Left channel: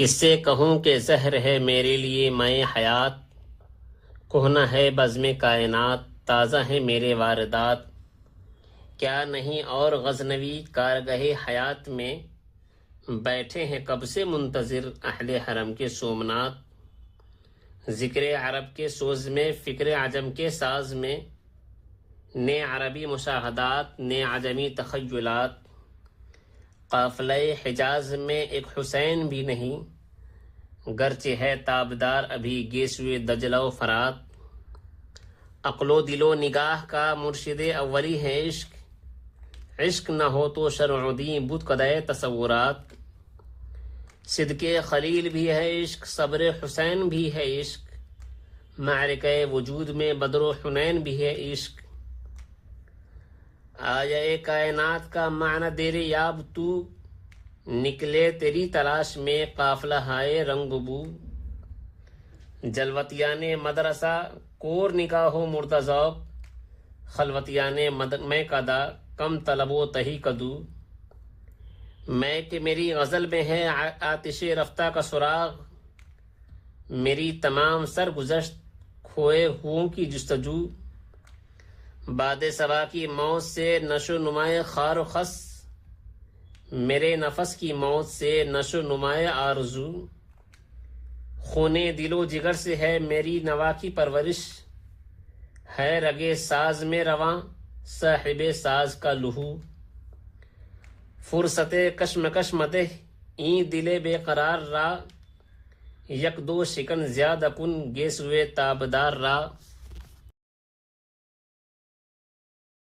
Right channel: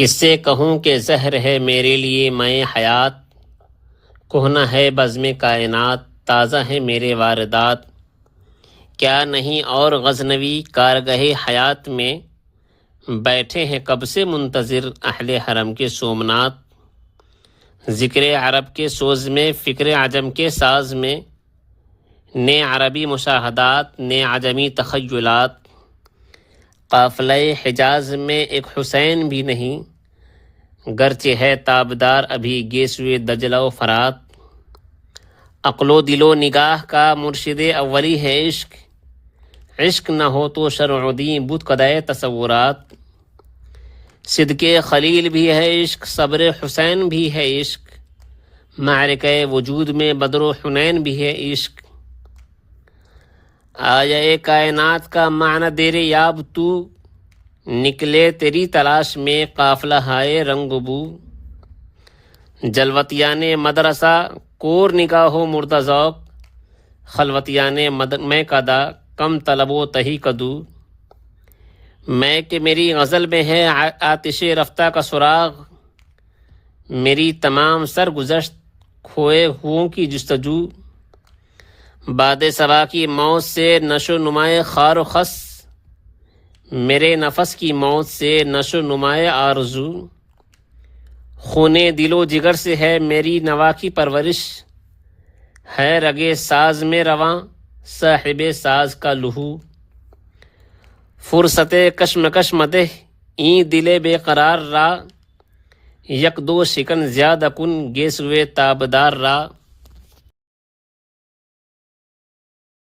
کس سے کہوں کہ زہر ہے میرے لیے میں حیات، کہنا ہے بزم کائنات، تازہ ہے میرے واردات۔ کیا نہیں اور غزنوی کارگہ حیات میں، بیٹھے ہیں کب سے منتظر اہل حرم کے سومنات۔ ذکر عرب کے سوز میں، فکر عجم کے ساز میں، نئے عربی مشاہدات، نئے عجمی تخیلات۔ قافلہ حجاز میں ایک حسین بھی نہیں، گرچہ ہے تابدار ابھی گیسوئے دجلہ و فرات۔ عقل و دل و نگاہ کا مرشد اولی ہے عشق، عشق نہ ہو تو شرع دیں بت قدائے تصورات۔ صدق خلیل بھی ہے عشق، صبر حسین بھی ہے عشق، معرکہ وجود میں بدر و حنین بھی ہے عشق۔ آیا کائنات کا معنی دیر یاب تو، نکلے تیری تلاش میں قافلہ ہائے رنگ بو۔ جلوتیان مدرسہ کور نگاہ و مردہ ذوق، خلوتیان میں کدا کم طلب و تہی کدو۔ میں کہ میری غزل میں ہے آتش رفتہ کا سراغ، میری تمام سرگزشت کھوئے ہوں کی جستجو۔ باد صبا کی موت سے نشو نمائے خار و خس، میرے نفس کی موت سے نشو نمائے آرزو۔ خون دل و جگر سے ہے میری نوا کی پرورش، ہے رگے ساز میں رواں صاحب ساز کا لہو۔ فرصت کشمکش مدح این دل بے قرار را، یک دو شکن زیادہ کن گیسوئے تابدار را۔